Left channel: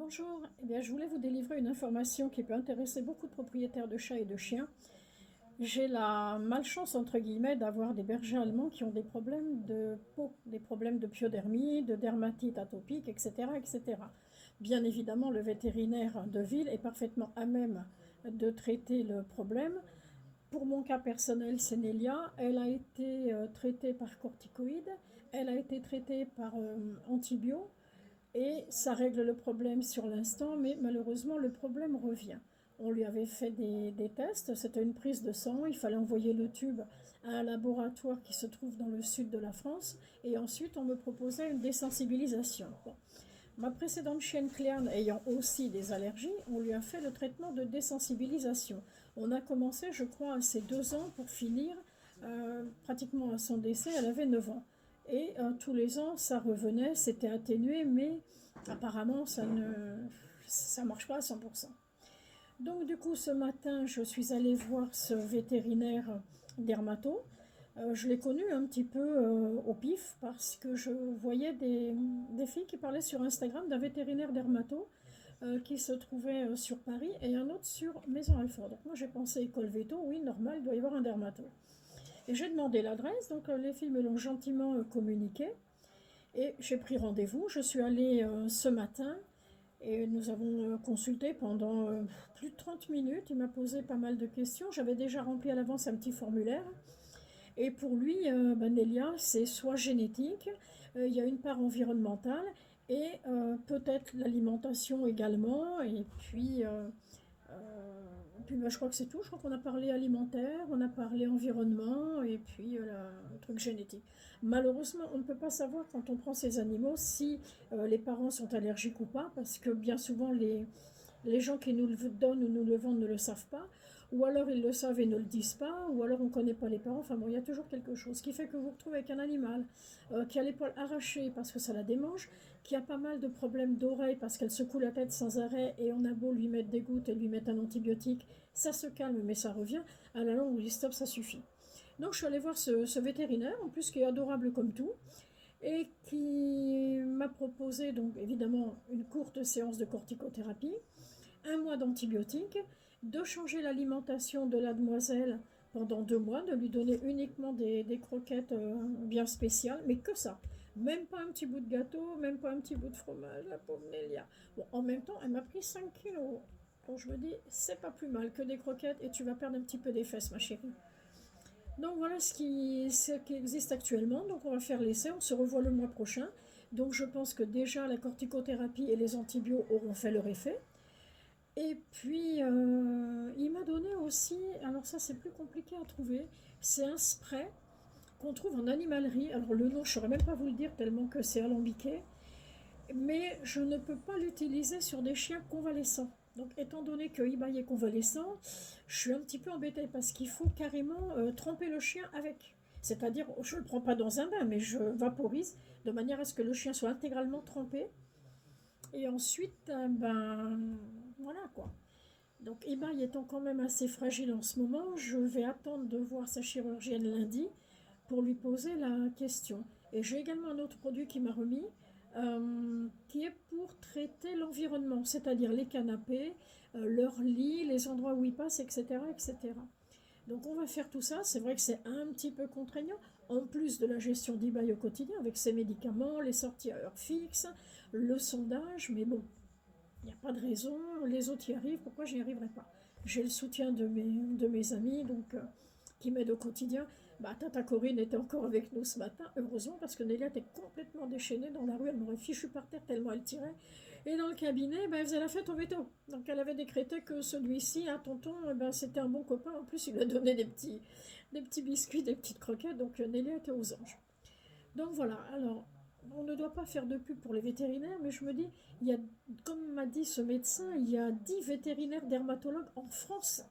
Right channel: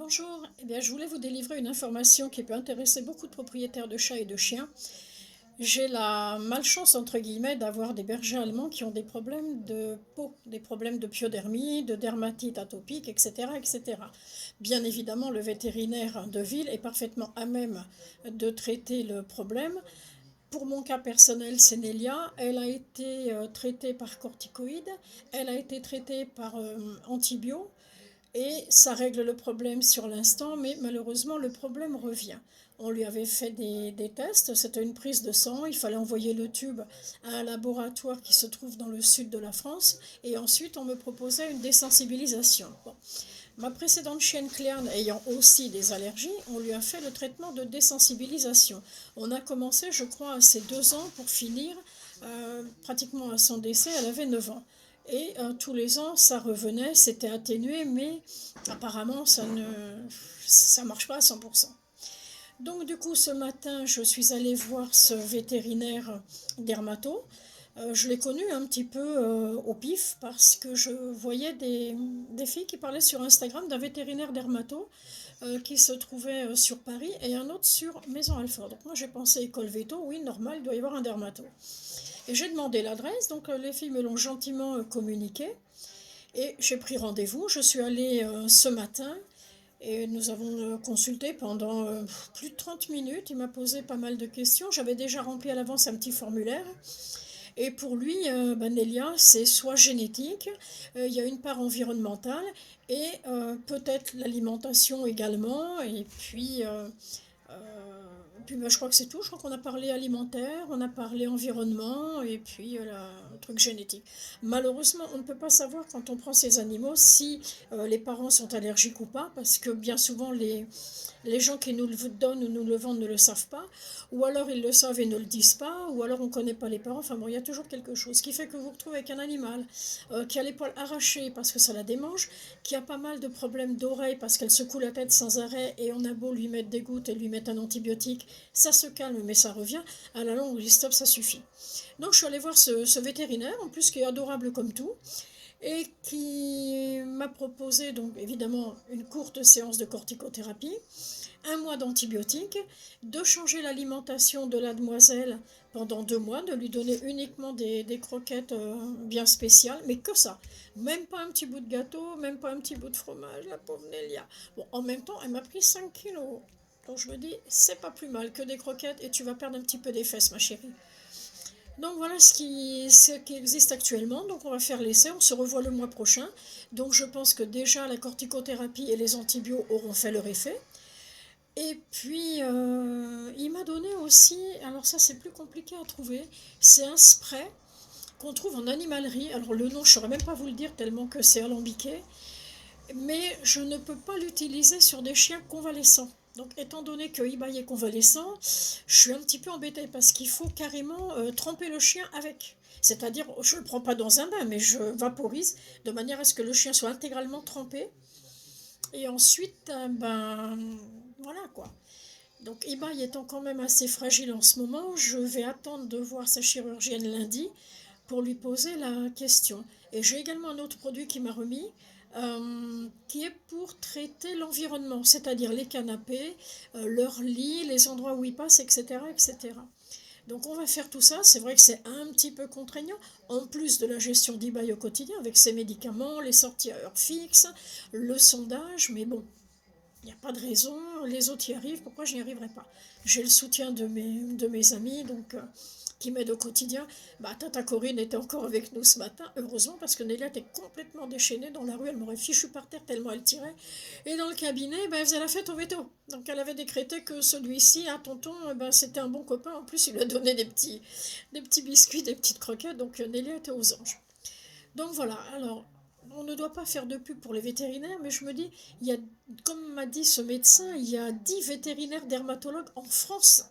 Bonjour, eh bien, je voulais vous délivrer une information qui peut intéresser beaucoup de propriétaires de chats et de chiens. J'ai la malchance, entre guillemets, d'avoir des bergers allemands qui ont des problèmes de peau, des problèmes de pyodermie, de dermatite atopique, etc., etc. Bien évidemment, le vétérinaire de ville est parfaitement à même de traiter le problème. Pour mon cas personnel, c'est Nelia. Elle a été traitée par corticoïdes, elle a été traitée par antibio, et ça règle le problème sur l'instant, mais malheureusement le problème revient. On lui avait fait des tests, c'était une prise de sang, il fallait envoyer le tube à un laboratoire qui se trouve dans le sud de la France, et ensuite on me proposait une désensibilisation. Bon. Ma précédente chienne Cléane ayant aussi des allergies, on lui a fait le traitement de désensibilisation. On a commencé, je crois, à ses 2 ans pour finir pratiquement à son décès, elle avait 9 ans. Et tous les ans, ça revenait, c'était atténué, mais apparemment, ça marche pas à 100%. Donc du coup, ce matin, je suis allée voir ce vétérinaire dermato. Je l'ai connu un petit peu au pif parce que je voyais des filles qui parlaient sur Instagram d'un vétérinaire dermato qui se trouvait sur Paris et un autre sur Maison Alfort. Donc moi j'ai pensé école veto, oui normal, il doit y avoir un dermato. Et j'ai demandé l'adresse, donc les filles me l'ont gentiment communiqué. Et j'ai pris rendez-vous, je suis allée ce matin et nous avons consulté pendant plus de 30 minutes. Il m'a posé pas mal de questions. J'avais déjà rempli à l'avance un petit formulaire. Et pour lui, Nelia, c'est soit génétique, il y a une part environnementale et peut-être l'alimentation également. Je crois que c'est tout. Je crois qu'on a parlé alimentaire, on a parlé environnement et puis le truc génétique. Malheureusement, on ne peut pas savoir quand on prend ces animaux si les parents sont allergiques ou pas, parce que bien souvent les gens qui nous le donnent ou nous le vendent ne le savent pas, ou alors ils le savent et ne le disent pas, ou alors on ne connaît pas les parents. Enfin bon, il y a toujours quelque chose. Ce qui fait que vous vous retrouvez avec un animal qui a l'épaule arrachée parce que ça la démange, qui a pas mal de problèmes d'oreille parce qu'elle secoue la tête sans arrêt et on a beau lui mettre des gouttes et lui mettre un antibiotique, ça se calme mais ça revient. À la longue, on dit stop, ça suffit. Donc je suis allée voir ce vétérinaire, en plus qui est adorable comme tout, et qui m'a proposé donc évidemment une courte séance de corticothérapie, 1 mois d'antibiotiques, de changer l'alimentation de la demoiselle pendant 2 mois, de lui donner uniquement des croquettes bien spéciales, mais que ça. Même pas un petit bout de gâteau, même pas un petit bout de fromage, la pauvre Nélia. Bon, en même temps, elle m'a pris 5 kilos. Donc je me dis, c'est pas plus mal que des croquettes et tu vas perdre un petit peu des fesses, ma chérie. Donc voilà ce qui existe actuellement. Donc on va faire l'essai, on se revoit le mois prochain. Donc je pense que déjà la corticothérapie et les antibiotiques auront fait leur effet. Et puis, il m'a donné aussi, alors ça c'est plus compliqué à trouver, c'est un spray qu'on trouve en animalerie. Alors le nom, je ne saurais même pas vous le dire tellement que c'est alambiqué, mais je ne peux pas l'utiliser sur des chiens convalescents. Donc étant donné que eBay est convalescent, je suis un petit peu embêtée parce qu'il faut carrément tremper le chien avec. C'est-à-dire, je ne le prends pas dans un bain, mais je vaporise de manière à ce que le chien soit intégralement trempé. Et ensuite, voilà quoi. Donc eBay étant quand même assez fragile en ce moment, je vais attendre de voir sa chirurgienne lundi pour lui poser la question. Et j'ai également un autre produit qui m'a remis, qui est pour traiter l'environnement, c'est-à-dire les canapés, leurs lits, les endroits où ils passent, etc., etc. Donc on va faire tout ça. C'est vrai que c'est un petit peu contraignant, en plus de la gestion d'eBay au quotidien, avec ses médicaments, les sorties à heure fixe, le sondage, mais bon, il n'y a pas de raison, les autres y arrivent, pourquoi je n'y arriverai pas? J'ai le soutien de mes amis donc, qui m'aident au quotidien. Tata Corinne était encore avec nous ce matin, heureusement, parce que Nélia était complètement déchaînée dans la rue, elle m'aurait fichu par terre tellement elle tirait. Et dans le cabinet, elle faisait la fête au veto. Donc elle avait décrété que celui-ci, tonton, c'était un bon copain. En plus, il lui a donné des petits biscuits, des petites croquettes. Donc Nélia était aux anges. Donc voilà, alors on ne doit pas faire de pub pour les vétérinaires, mais je me dis, il y a, comme m'a dit ce médecin, il y a 10 vétérinaires dermatologues en France.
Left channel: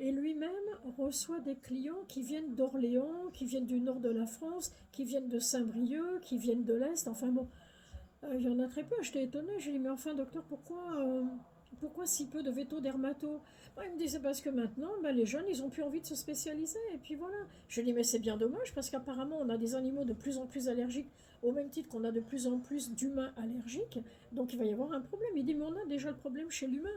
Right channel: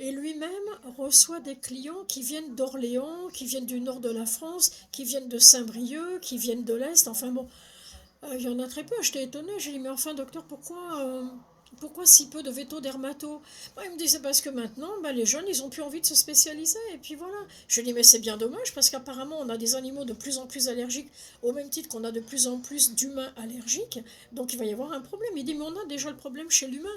Et lui-même reçoit des clients qui viennent d'Orléans, qui viennent du nord de la France, qui viennent de Saint-Brieuc, qui viennent de l'Est. Enfin bon, il y en a très peu. J'étais étonnée. J'ai dit, mais enfin, docteur, pourquoi Pourquoi si peu de veto dermato? Moi, il me dit, c'est parce que maintenant, bah, les jeunes, ils ont plus envie de se spécialiser. Et puis voilà. Je lui dis, mais c'est bien dommage parce qu'apparemment, on a des animaux de plus en plus allergiques, au même titre qu'on a de plus en plus d'humains allergiques. Donc il va y avoir un problème. Il dit, mais on a déjà le problème chez l'humain.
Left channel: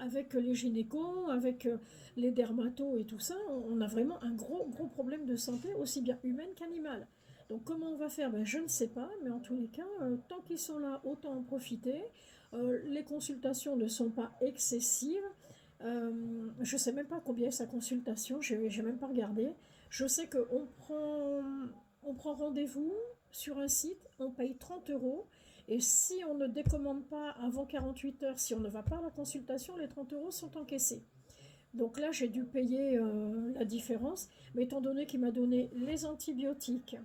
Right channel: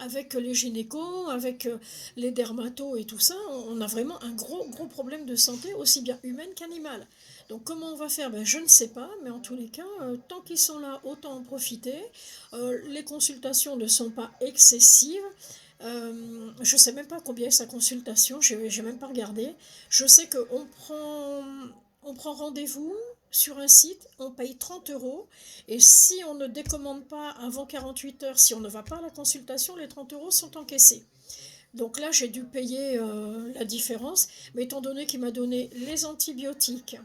Avec les gynécos, avec les dermatos et tout ça, on a vraiment un gros problème de santé, aussi bien humaine qu'animale. Donc comment on va faire? Ben, je ne sais pas, mais en tous les cas, tant qu'ils sont là, autant en profiter. Les consultations ne sont pas excessives. Je ne sais même pas combien est sa consultation, je n'ai même pas regardé. Je sais on prend rendez-vous sur un site, on paye 30 euros, et si on ne décommande pas avant 48 heures, si on ne va pas à la consultation, les 30 euros sont encaissés. Donc là, j'ai dû payer la différence, mais étant donné qu'il m'a donné les antibiotiques,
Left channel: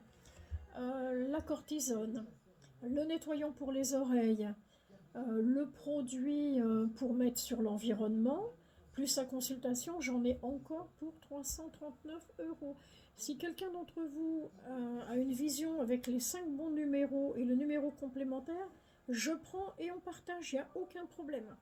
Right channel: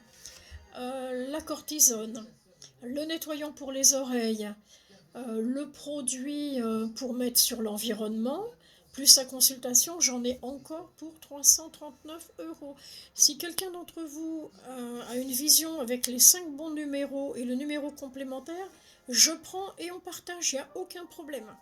la cortisone, le nettoyant pour les oreilles, le produit pour mettre sur l'environnement, plus sa consultation, j'en ai encore pour 339 euros. Si quelqu'un d'entre vous a une vision avec les 5 bons numéros et le numéro complémentaire, je prends et on partage, il n'y a aucun problème.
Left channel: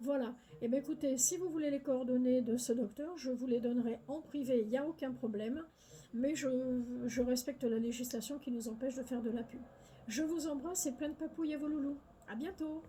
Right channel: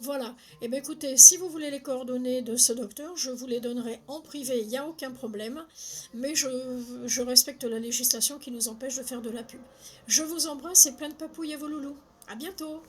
Voilà. Eh bien, écoutez, si vous voulez les coordonnées de ce docteur, je vous les donnerai en privé, il n'y a aucun problème. Mais je respecte la législation qui nous empêche de faire de la pub. Je vous embrasse et plein de papouilles à vos loulous. À bientôt!